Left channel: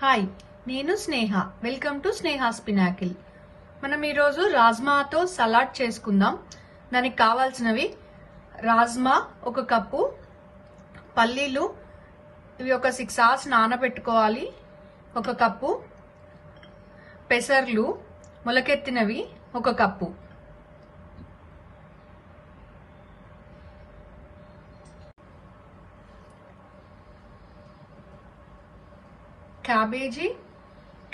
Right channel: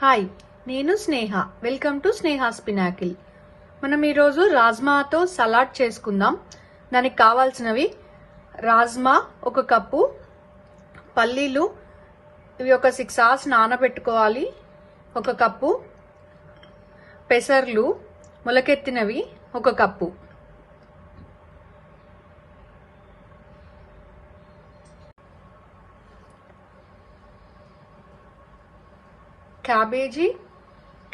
Hi, నేను Sneha. Welcome to Sneha's Pinnacle. మనం ఈరోజు రాజ్మాతో సలాడ్ చేసుకుందాం. దానికి కావాల్సినవి రాజ్మా 1 కప్పు, పల్లీలు ఇవి ఒక 6 hours నానబెట్టుకోవాలి 1 కప్పు, పెసర్లు మొలకెత్తినవి 1 కప్పు, క్యాబేజీ,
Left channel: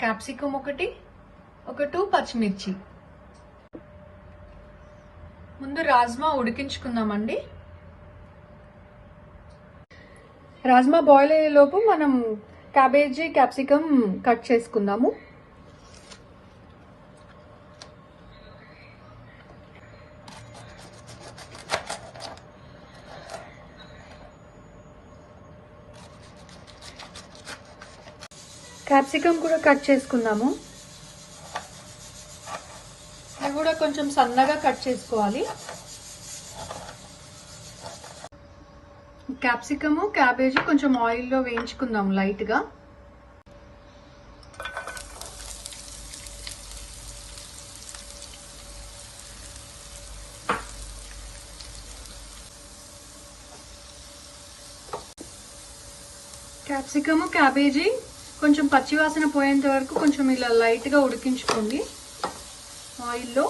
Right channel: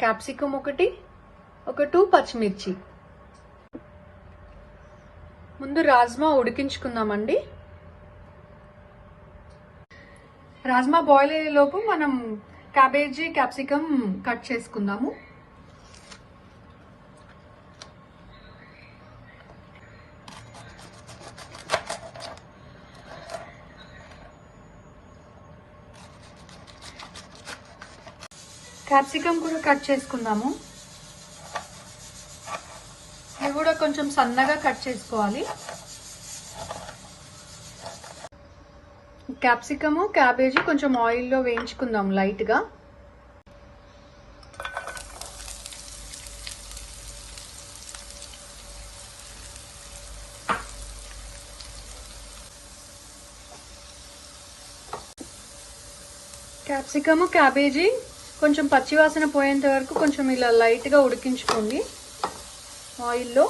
క్యాప్సికమ్ ఒక 2 పచ్చిమిర్చి. ముందు రాజ్మా ఉడికించుకుందామండి. రాజ్మా బాయిల్ అయ్యేలోపు మనం క్యాబేజీ, క్యాప్సికమ్ కట్ చేసుకుందాము. క్యాప్సికమ్ కూడా కట్ చేసుకుందాము. ఇవి కూడా కొంచెం సన్నగా కట్ చేసుకోవాలి. క్యాప్సికమ్, క్యాబేజీ కొంచెం ఆయిల్లో వేయించుకుందాం లైట్గా. క్యాప్సికమ్, క్యాబేజీ కొంచెం పచ్చివాసన పోయేంత వరకు కొంచెం ఇలా లైట్గా ఉడికించుకోండి ఆయిల్లో.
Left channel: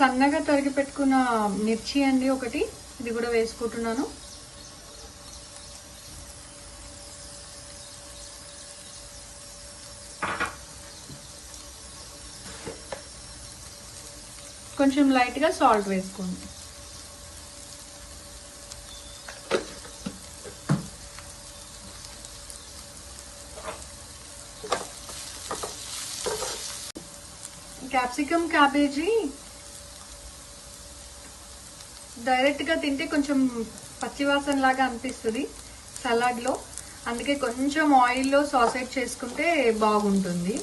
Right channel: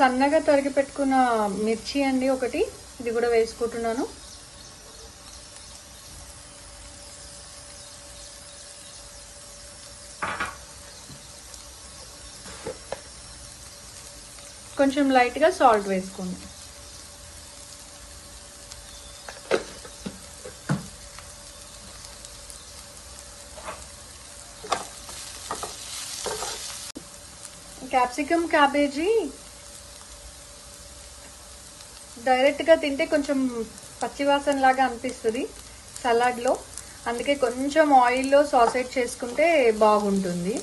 సన్నగా తరిగి పెట్టుకున్న మిర్చి అండి ఒకటి, ఇది కూడా వేసుకుంటున్నాను. కొంచెం లైట్గా సాల్ట్ వేసుకోండి. క్యాప్సికమ్, క్యాబేజీ డైరెక్ట్గా తింటే కొంచెం పచ్చివాసన లాగా అనిపిస్తుంది సలాడ్లో, అందుకే కొంచెం ఆయిల్లో సాసేట్ చేసుకుంటే బాగుంటుంది.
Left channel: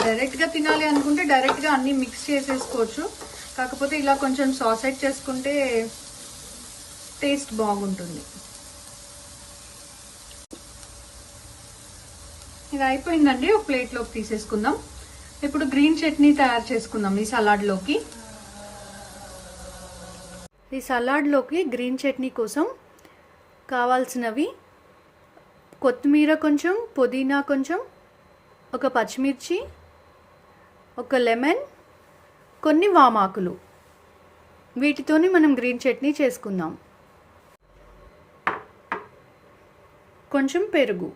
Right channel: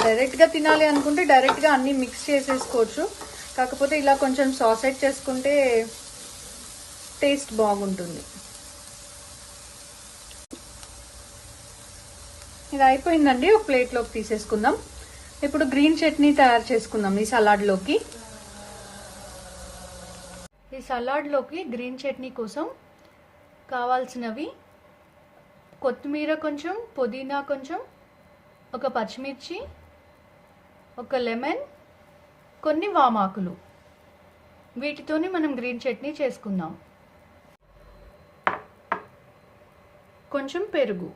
డైరెక్ట్గా తినాలి అనుకుంటే డైరెక్ట్గా అన్నీ మిక్స్ చేసేసుకోవచ్చు, కాకపోతే ఇలా కొంచెం సాసేట్ చేసుకుంటే టేస్ట్ బాగుంటుంది. ఇది అయిపోయిందండి, ఒక ప్లేట్లోకి తీసేసుకుందాం. ఇప్పుడు గ్రీన్ చట్నీ తయారు చేసుకుందాం ఈ సలాడ్లోకి. ఈ సలాడ్లోకి గ్రీన్ చట్నీ కోసం కావాల్సినవి కొత్తిమీర కొంచెం, పుదీనా కొంచెం, ఒక పచ్చిమిర్చి, ఒక లెమన్, కొన్ని వామాకులు. వీటితోని మనం గ్రీన్ చట్నీ చేసుకుందాం. కొంచెం పెరుగు,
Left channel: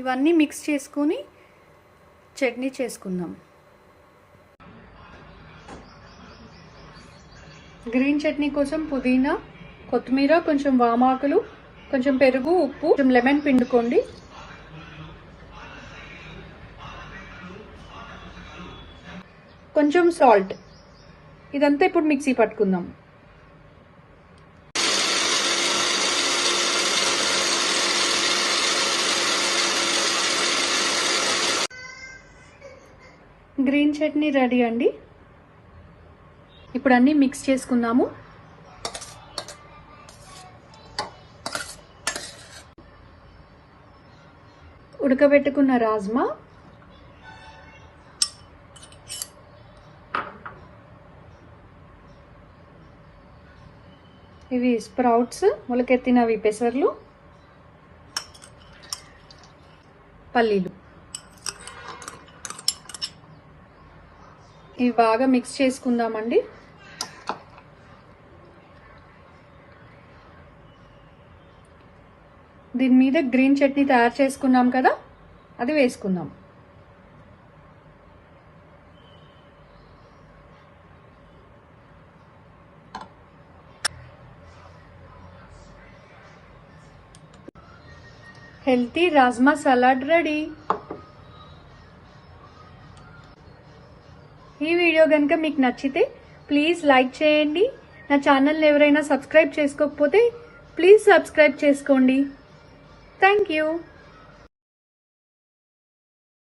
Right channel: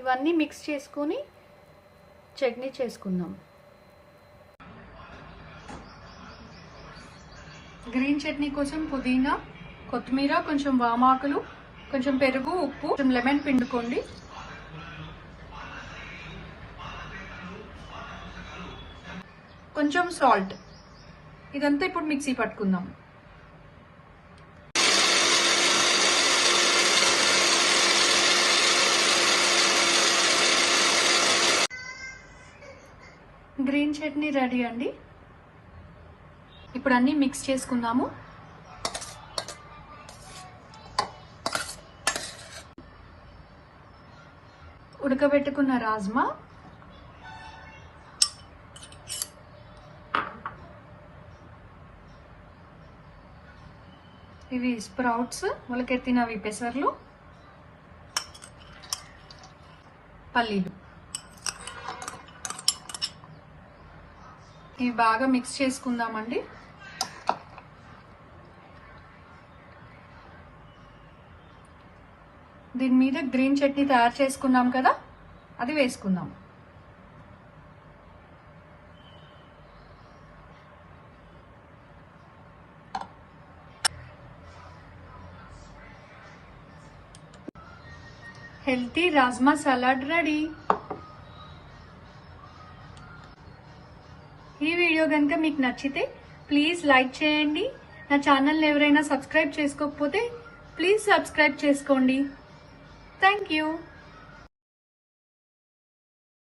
ఇవన్నీ మిక్స్ చేసుకొని చట్నీ చేసుకుందాం. గ్రీన్ చట్నీ కోసం పుదీనా, కొత్తిమీర, కొంచెం వామాకులు, కొంచెం పెరుగు, ఉప్పు, కొంచెం లెమన్ పిండుకోండి. కొంచెం సాల్ట్. ఇదంతా ఇప్పుడు మిక్సీ పట్టుకుందాం. గ్రీన్ చట్నీ రెడీ అండి. ఇప్పుడు అన్నీ మిక్స్ చేసుకుందాము. ఉడకబెట్టుకున్న రాజ్మా, ఇవి స్ప్రౌట్స్ మొలకెత్తినవి, పెసర్లు, పల్లీలు. ఇవి బాగా మిక్స్ చేసుకుందామండి. దీని మీద గ్రీన్ చట్నీ తయారు చేసుకున్నాం కదా, అది వేసుకుందాం. Healthy rajma salad ready. ఈ వీడియో కనుక మీకు నచ్చితే ప్లీజ్ లైక్ చేయండి. నా ఛానల్ని ఎవరైనా సబ్స్క్రైబ్ చేసుకోకపోతే ప్లీజ్ సబ్స్క్రైబ్ చేసుకోండి. Thank you.